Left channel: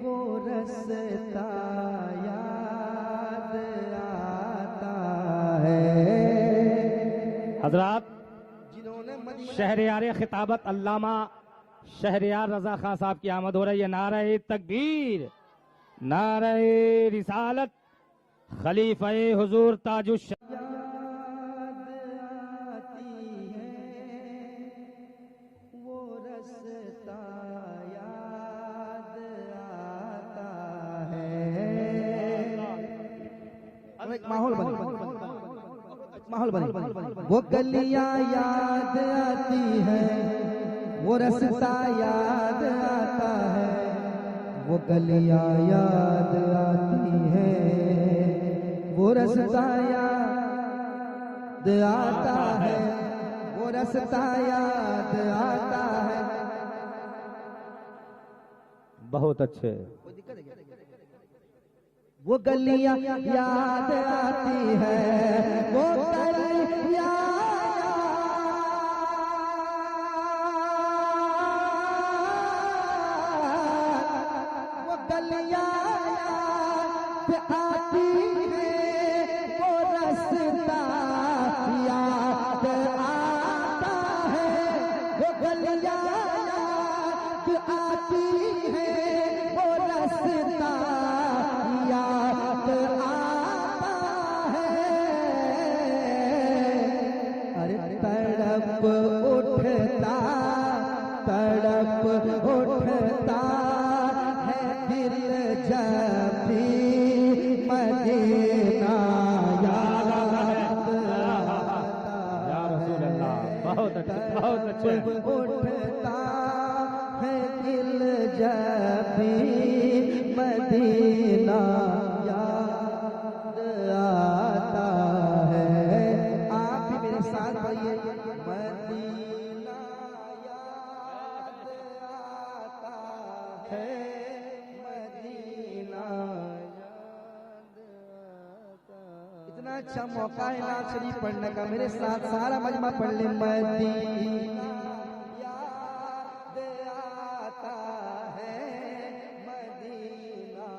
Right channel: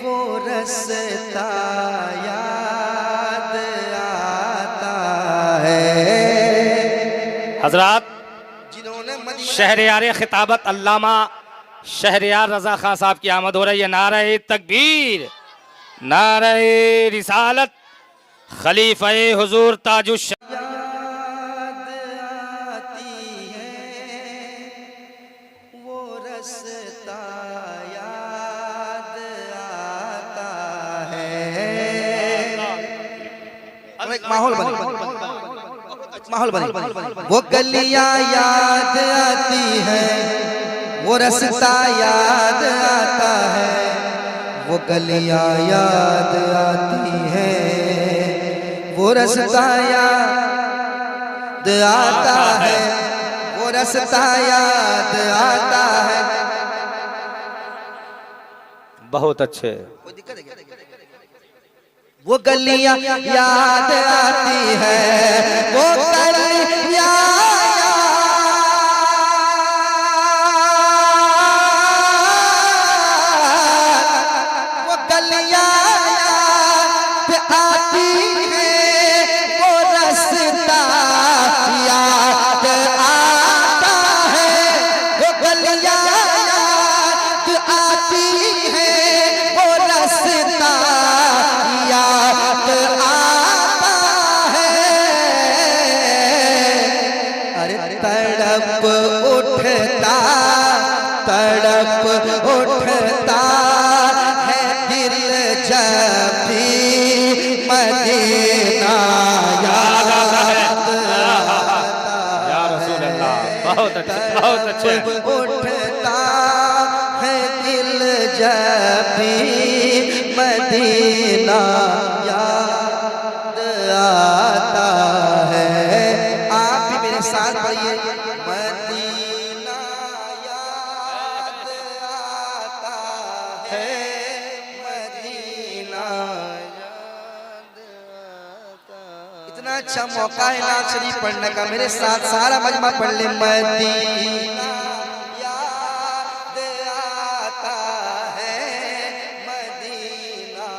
वो रास्ता याद आता है। हजरात, जिन्होंने शहरयार खिताबत अल्लामा शहरयार रजा खान साहब की आमद हो रही है। नारे तकबीर, नारे रिसालत, खलीफा हुजूर ताजुश याद आती है, वो रास्ता याद आता है। एक माहौल बने, वो गलियां याद आती है, वो रास्ता याद आता है, वो गलियां याद आती है, वो रास्ता याद आता है, वो रास्ता याद आता है। बहुत अच्छे। वो गलियां याद आती है, वो गलियां तड़प उठता है दिल जब भी मदीना याद आता या रसूल अल्लाह। बहुत अच्छे, बहुत अच्छे। उठता है दिल जब भी मदीना याद आता है। आप भी मेरे साथ पढ़िए, मदीना याद आता है, मदीना याद आता है। इतना अच्छा मौका है नात शरीफ पढ़ने का, मेरे साथ सारा मजमा पढ़ ले। मदीना याद आता है, मदीना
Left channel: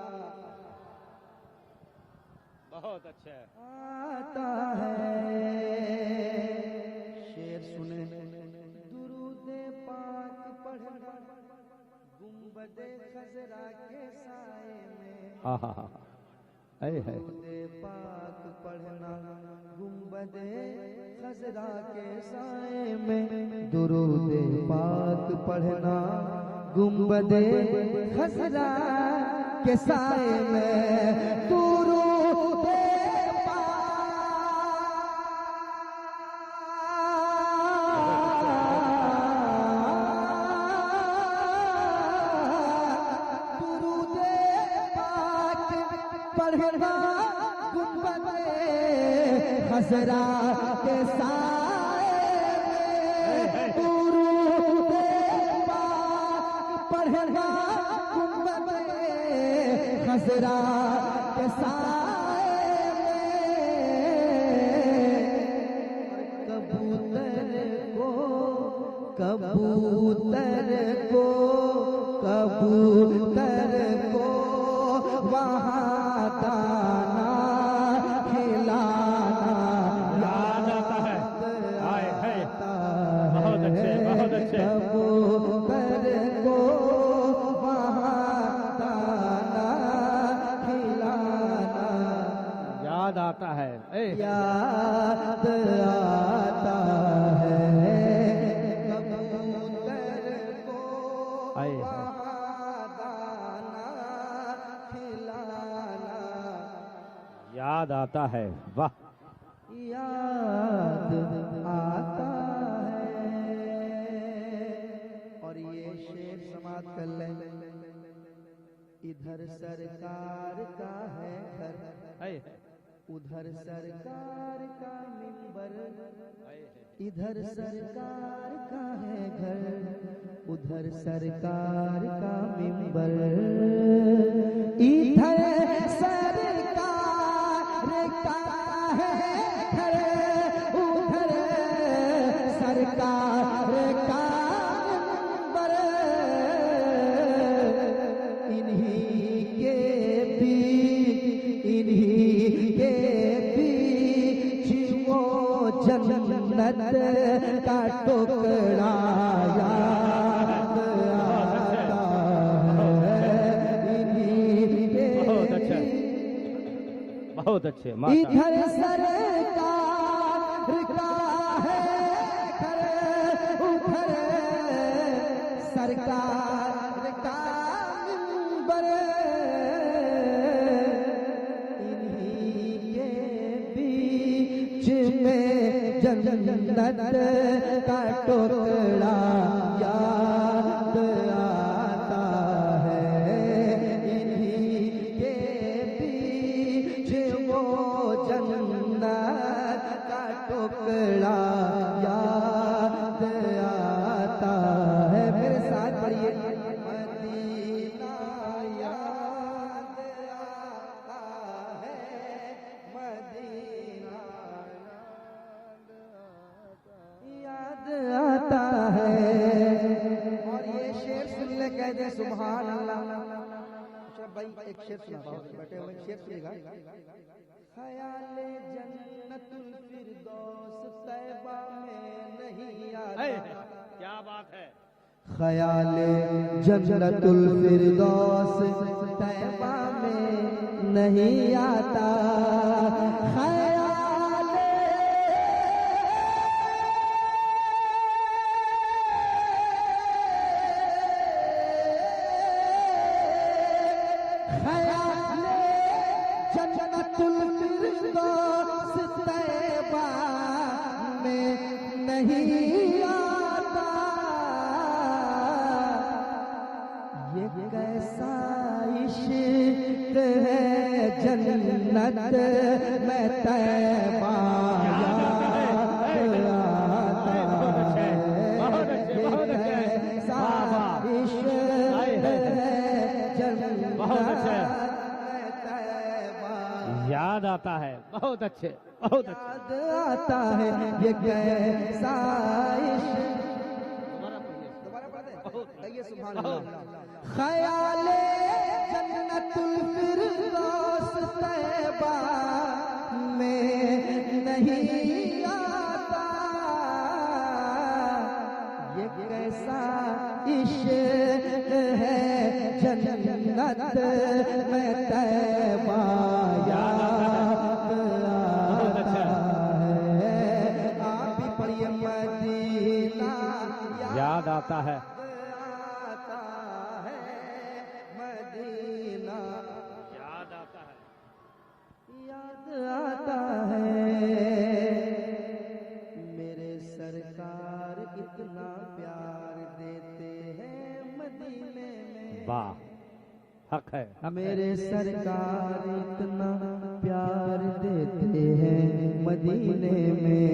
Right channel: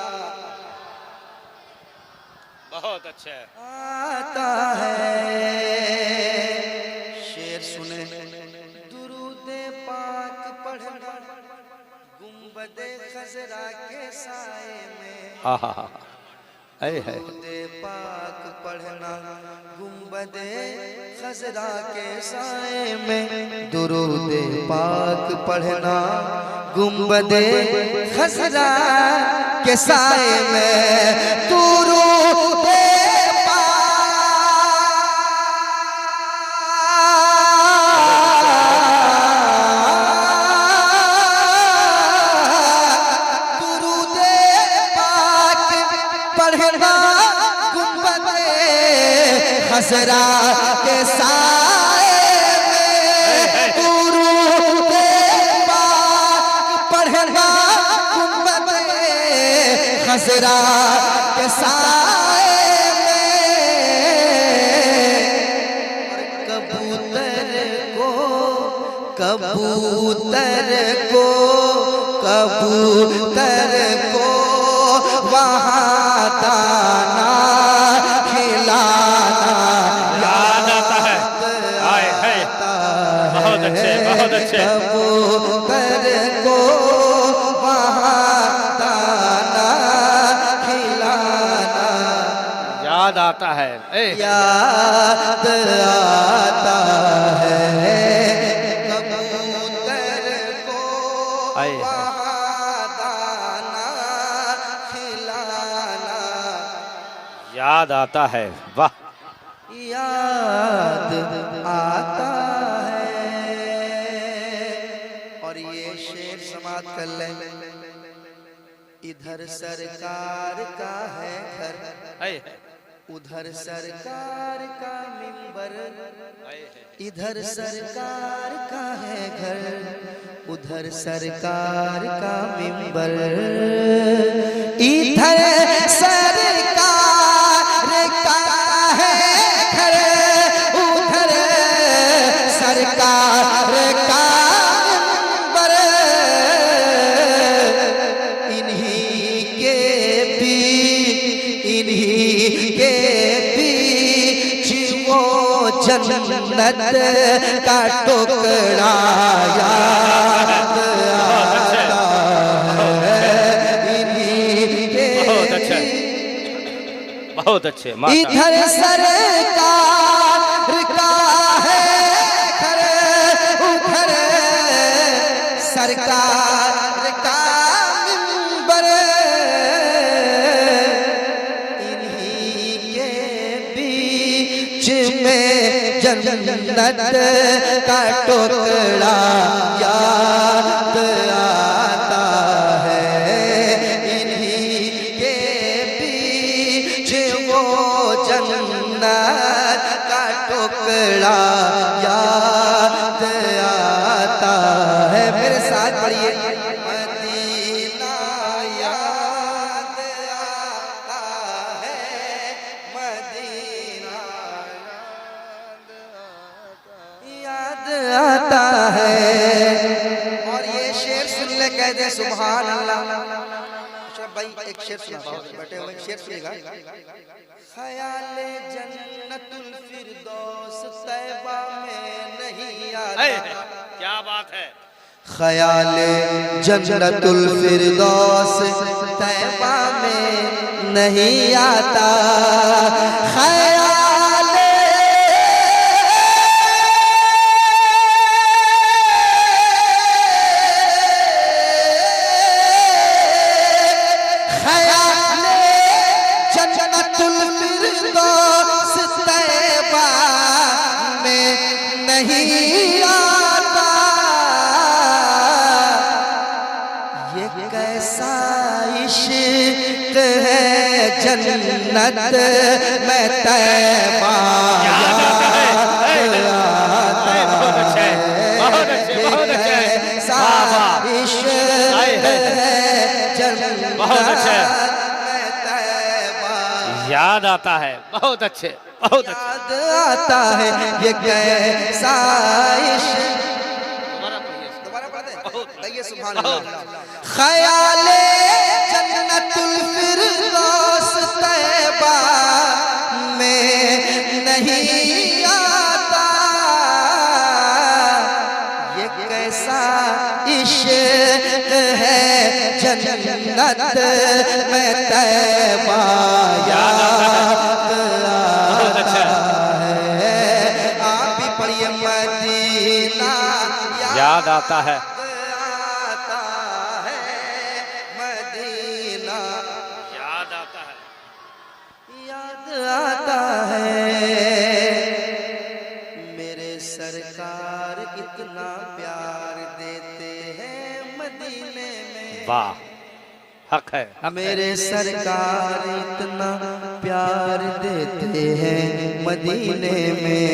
बहुत अच्छे। आता है। शेर सुने, दुरूदे पाक पढ़ना गुंबदे खजरा के साए में। आहा हा, दुरूदे पाक पढ़ना गुंबदे खजरा के साए में। दुरूदे पाक पढ़ना गुंबदे खजरा के साए में। दुरूदे पढ़ना गुंबदे खजरा के साए में। दुरूदे पाक पढ़ना गुंबदे खजरा के साए में। कबूतर को कबूतर को कबूतर को वहाँ दाना खिलाना याद आता है। आए है, बहुत अच्छे, बहुत अच्छे। कबूतर को वहाँ दाना खिलाना याद आता है। याद आता है। कबूतर को आए है। वहाँ दाना खिलाना याद आता है। वाह, याद आता है। और ये शेर समाप्त कर ले। इधर सरकार का है घर, आए है, उधर सरकार का मिंबर। इधर सरकार का है घर, उधर सरकार का मिंबर। इधर सरकार का है घर, उधर सरकार का मिंबर। इन्हीं जन्नत का टुकड़ा याद आता है इन्हीं के। बहुत अच्छे इधर सरकार का है घर, उधर सरकार का मिंबर, इन्हीं के बीच में जन्नत का टुकड़ा याद आता है इन्हीं के बीच वो जन्नत का टुकड़ा याद आता है। मेरे साथ पढ़िए मदीना याद आता है, मदीना याद आता है। और ये शेर सुन ले कह दे सुभान अल्लाह। भाई एक शेर सुना, बैठे हुए शेर सुनेगा। ख्याले जन्नतुल फिरदौस तैबा में नहीं आता। क्या बात है। ख्याले जन्नतुल फिरदौस तैबा में नहीं आता। ख्याले ख्याले जन्नतुल फिरदौस तैबा में नहीं आता। ये कैसा इश्क है जन्नत में तैबा याद आता है। ये कैसा इश्क है जन्नत में तैबा याद आता है। बहुत अच्छे, बहुत अच्छे। याद आता है ये कैसा इश्क। दोबारा पढ़ते हैं, कहिए सुभान अल्लाह। ख्याले जन्नतुल फिरदौस तैबा में नहीं आता। ये कैसा इश्क है जन्नत में तैबा याद आता है। आप भी पढ़िए मदीना याद आता है। आता है, मदीना याद आता है। याद आता है। मेरे सरकार कितना प्यार देते हैं मदीने में। वाह, हक है। मेरे सरकार इतना प्यार देते हैं मदीने में,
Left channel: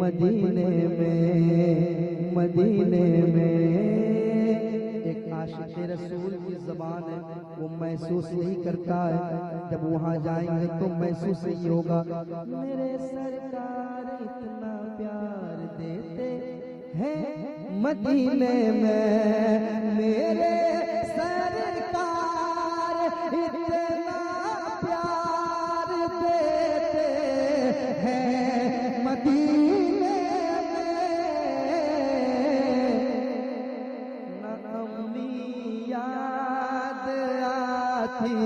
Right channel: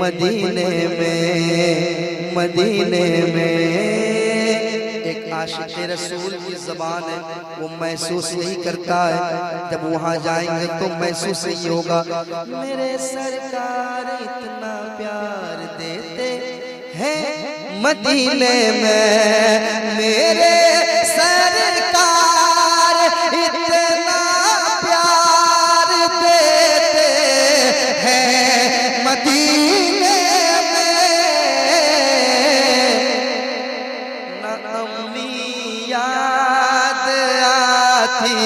मदीने में, मदीने में। एक आशिक रसूल की ज़बान है, वो महसूस यही करता है जब वहाँ जाएंगे तो महसूस यही होगा। मेरे सरकार इतना प्यार देते हैं मदीने में, मेरे सरकार इतना प्यार देते हैं मदीने में। ना अम्मी याद आती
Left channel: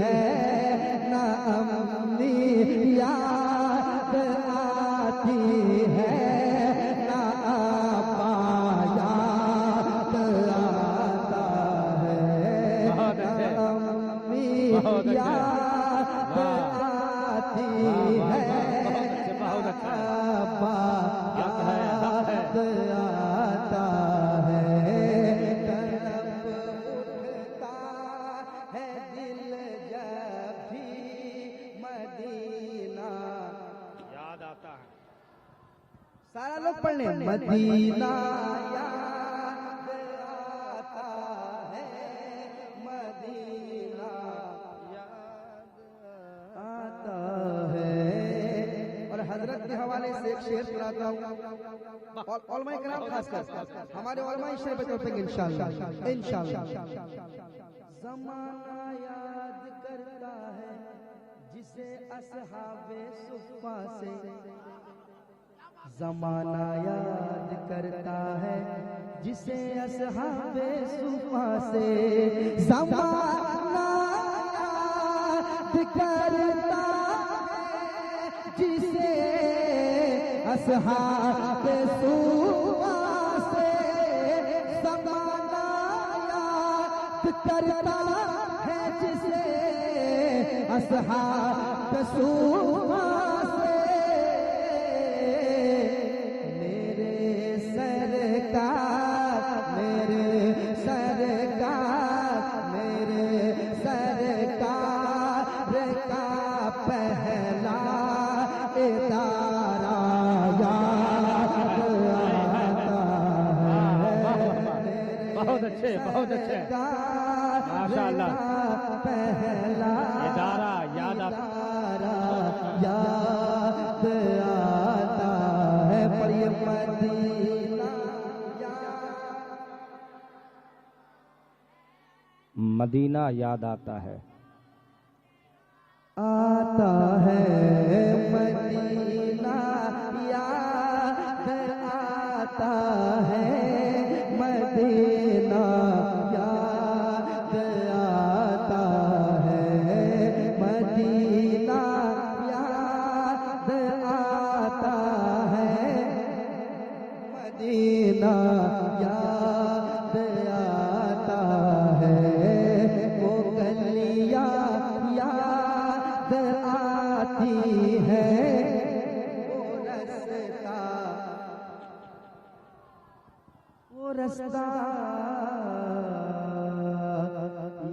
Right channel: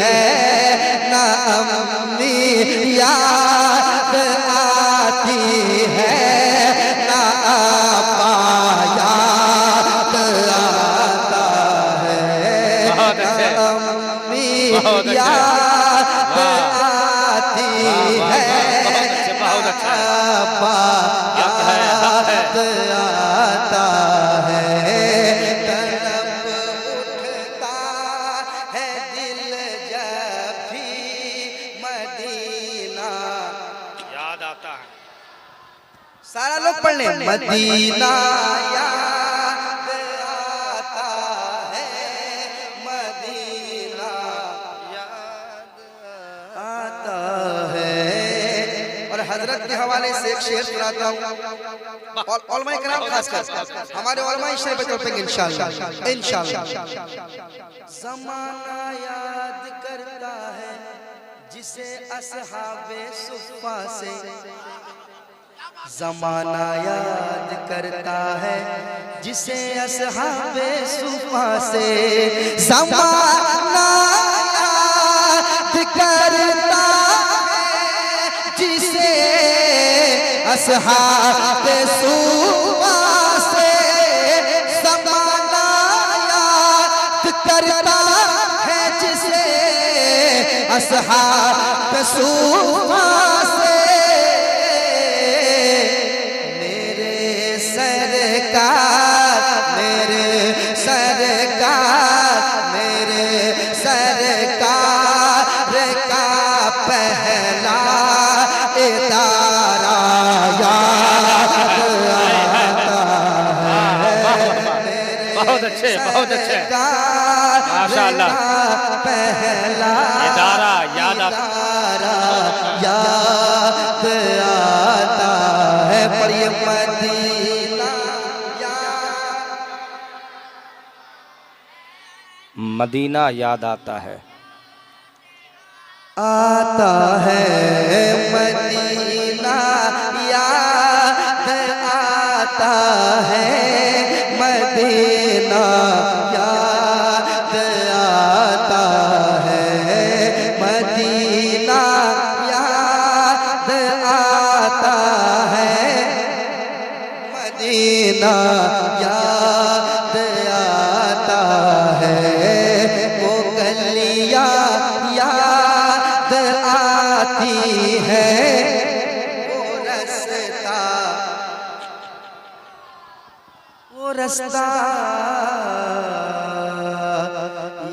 है, ना अम्मी याद आती है, ना आपा याद आता है, ना अम्मी याद आती है, बहुत अच्छा। आपा याद आता है। तड़प उठता है दिल जब भी मदीना याद आता है। सारा लोग पढ़ लें। मदीना याद आता है, मदीना याद आता है। और हजरत के हवाले से एक शेर सुनाता हूँ, और उलमा किराम खासकर हमारे उलमा इस शेर पे तड़पेंगे इंशाअल्लाह, इंशाअल्लाह। ज़माना याद करता है जिसे असहाबे सुफ़ा से ज़माना याद करता है, जिसे असहाबे सुफ़ा से ज़माना याद करता है, जिसे असहाबे सुफ़ा से ज़माना याद करता है, जिसे असहाबे सुफ़ा से बहुत अच्छे माशाअल्लाह। पहला इदारा याद आता है, पढ़िए मदीना मदीना याद आता है, आता है मदीना याद आता है, मदीना याद आता है, मदीना याद आता है, मदीना याद आता है, वो गलियां याद आती है, वो रास्ता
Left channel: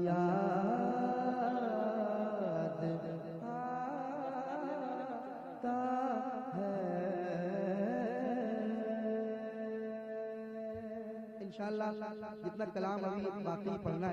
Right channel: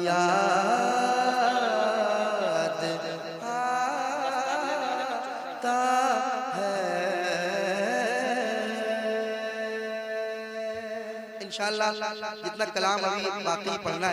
याद आता है। इंशाअल्लाह जितना कलाम अभी बाकी पढ़ना है